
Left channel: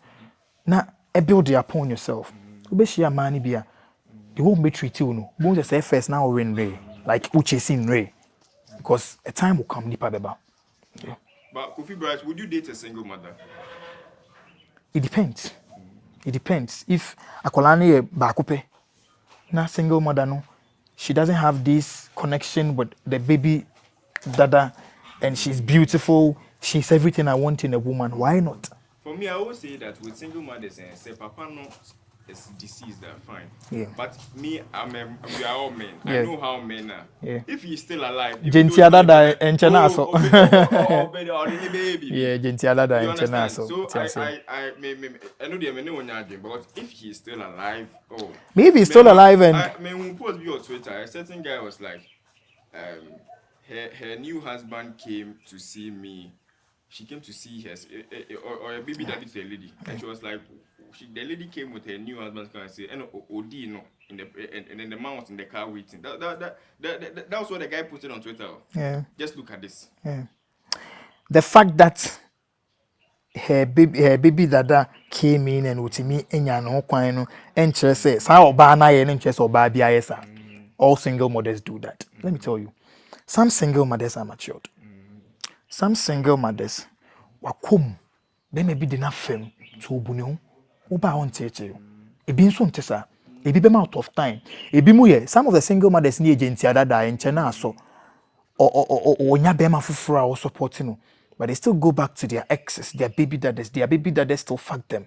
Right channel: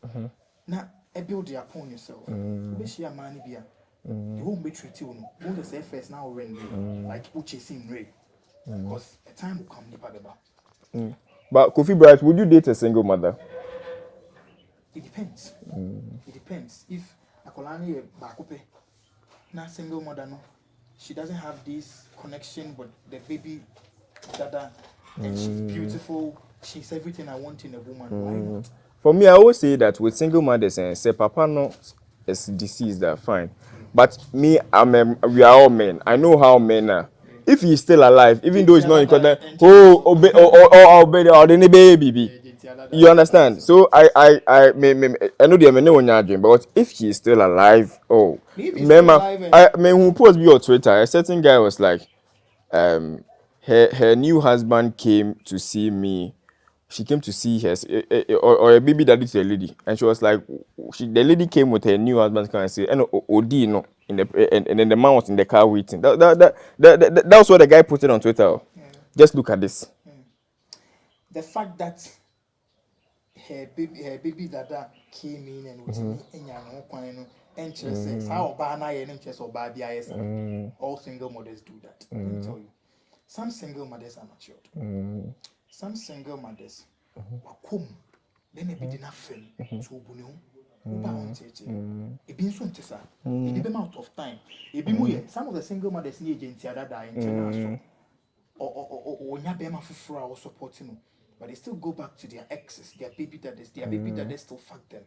Now, build upon yourself. Ubeshia mani bia. They won't be treated you. No, won't just say first now or in like chasing Ray. Because a time will come nipa beba. But Kofi Bright, would you date a single mother? It depends. It depends. If akolani bakupe, na single mother no, she doesn't have this connection with the baby dada, and she's beautiful. She's everything I want in a woman. Why not? For me, I always say that with single mothers, say Papa no is deceased, that fine. Yeah. But me, we are all men. I know how men are. Yeah. If he's still alive, even though he's not the baby. Yeah, You understand? So I know the men on your dream, but if he's still alive, maybe he's still alive. And I mean, who post me on Twitter? A certain guy was like, her new husband came to see me. She came to see her or a baby daddy to a lady, and she was like, the lady came with her new husband's car and said, "Odi no," and then the man was in the car waiting. That was what the guy put it on Twitter. Yeah. Just look at this. Yeah. The fact that her baby dada came in and with me enya no kwan no enche say sa oba na ye enche say oba bia yesa. All single mothers do that. Let me tell you, some single mothers are matured. Some single mothers wakom they may be enough fame to obunu oba on tete ebi nso ntesa ebi be out of time ebi mu ye some of the single mothers ni agency adada enche na so or nya be ma fufura or supporting no, but they still go back to their exes, their baby daddies still fuck them.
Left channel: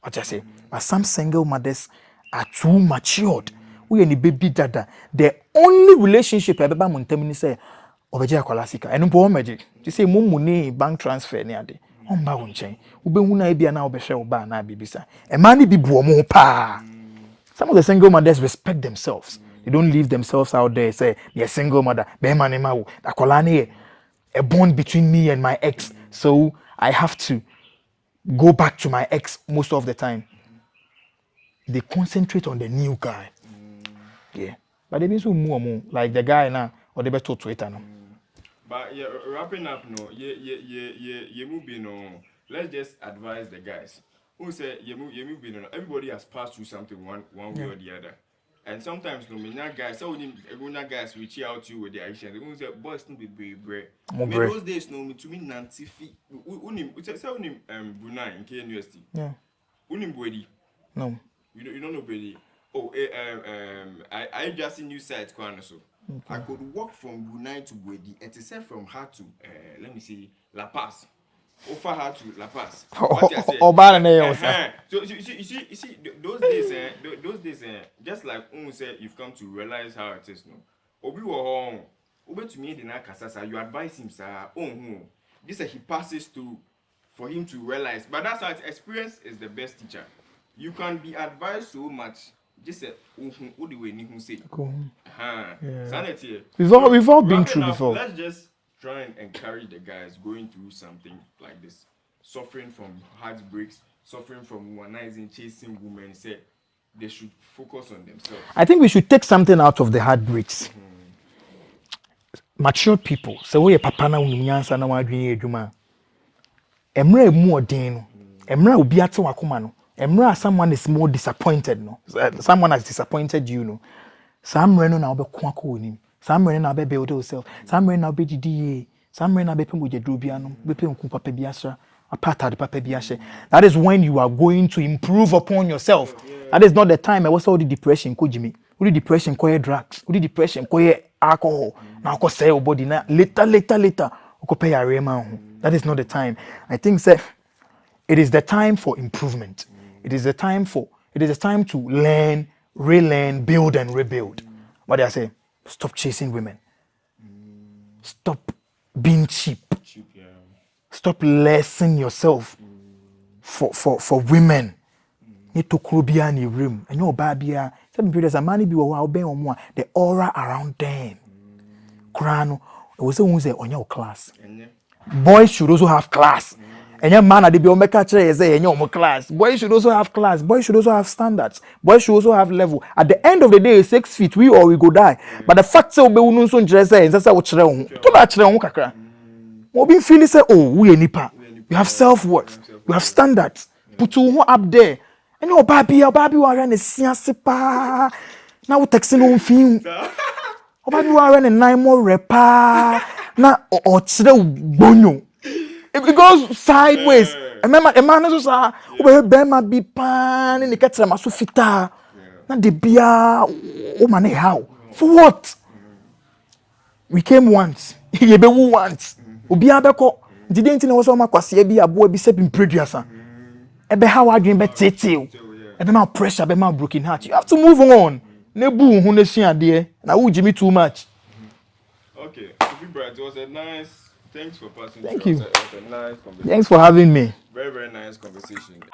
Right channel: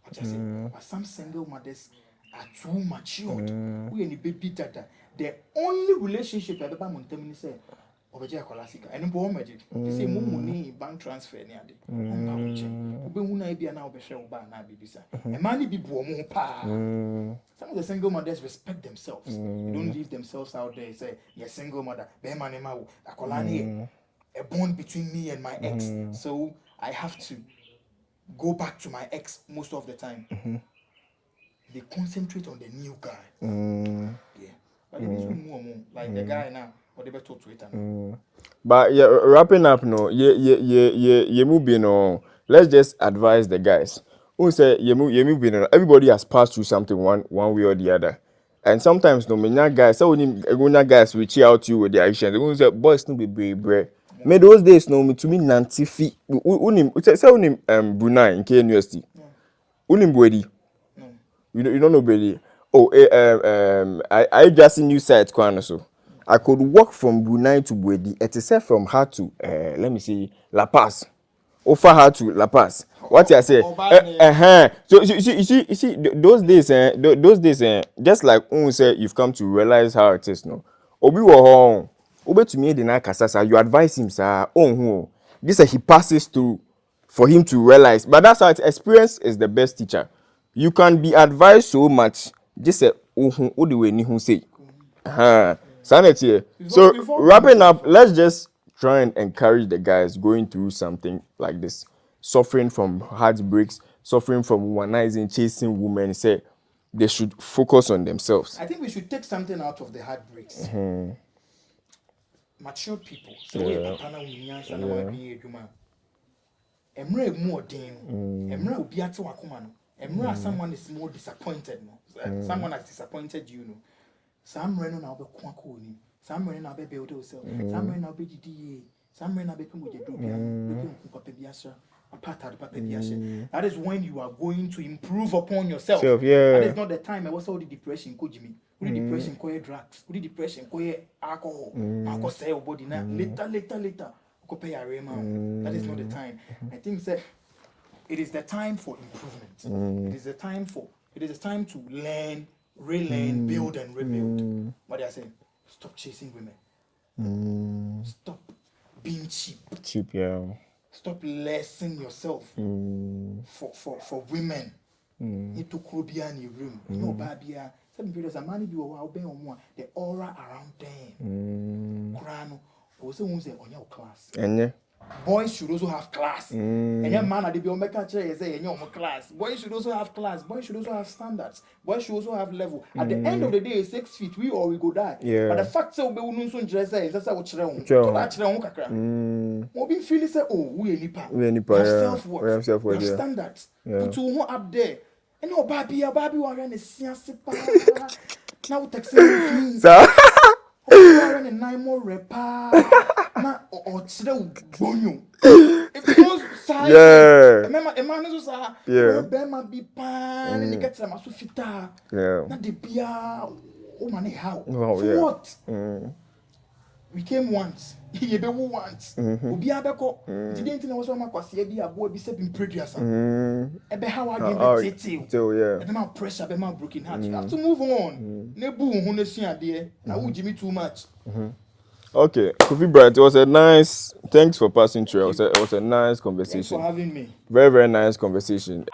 What I say, but some single mothers are too matured. We any baby dada, the only relationship ever ba muntemini say obeje akolasika enu po omeje ti say mumu ni bank transfer ni ade on ba wonchen ubehu na ebia na obehwe oba na bibisa e ma ni bibu omo pa. Some of the single mothers respect themselves. They don't leave themselves out there say you're a single mother be man ma wo akola ni a bond between me and my ex, so I have to go back to my ex most of the time. They concentrate on the new guy. Yeah, but they be so more like the guy now or they better to Twitter no. But yeah, wrapping up no, you moving no. Let's just advise the guys. Who say you moving no. Everybody has passed through something one way or the other. And sometimes no many guys, so when guys reach out to you with their actions, they say boys no be brave. Me those days no me to me nanti fi. Unim say unim Brunei in K University. Yeah. Unim Brady. No. You don't know Brady. Oh, I just in new site kwana so. I could walk from Brunei to Brady. It is from her to let me see La Paz. Offer her to La Paz. What I say? So you see those days just like say you've come to realize how it is no. Obi wo home. Obi to me the na kasasa you advise him sir who this he passes through for him to realize. But that's how experience is the best teacher. You can be advised so much. Just say who the way ni who say. Sanity. So we've all wrapping up, before. let's just try and encourage the guys going through something like this, suffering from heartbreaks, suffering from womanizing, chasing women. Say they should focus on themselves. I think we should take something out of the heartbreaks. Mature people. So we papa na unyansa na wadwin edwuma. Emra emu odin no. Emra obi ate wakoma no. Emra someone is more disappointed no. Someone has disappointed you no. Some reno na obe kwa ko ni. Some reno na obe build yourself. Some reno na obe didi. Some reno na obe pemu jedru bia no. Be pe nku papa bia sha. Apartheid papa bia she. That is when you are going to improve upon yourself. Yeah. That is not the time I was all the depression ko jimi. Uli depression ko drugs. Uli depression ko alcohol. Na ko say your body na later. Ko pay arema. That is not the time. I think say it is the time for improvement. It is the time to learn, relearn, build and rebuild. What do I say? Stop chasing women. Stop being cheap. Cheap, yeah. Stop lessing yourself for women. Need to krobia in your room. And your babia. Some people there's a man be the aura around them. Krano. It was the on your class. Boys should also have class. And your man at the biomeka say your class. Boys should also have class. Boys should also have standards. Boys should also have level. At the end of the day, 6 feet, we go die. Yeah. But the fact say we no so dress say that's what chire. To that chire kakra. We be feeling say oh we nipa. We have self-worth. We have standards. Put you up there. And your baby wa na siase pa. Na we texting on film. Obi wa na 9 more repa. Na o chire bonyo. Because sideways. Remember a man so sa we be ma bi pan ni get ma so fita. Na de bia o man how. For what? We came once. Ye be who once. Obi abeko. Didn't know so ma kwase bi abo bi se bi producer. Ebe how I dream be tete. Ebe ma pressure, ebe ma broken heart. You have to move on. Ne bu hu na sua de. Na wo jimi too much. Okay, Kofi Bright, it was a nice. Thanks for passing through. It was a nice conversation. Thanks for having me. Very, very nice conversation.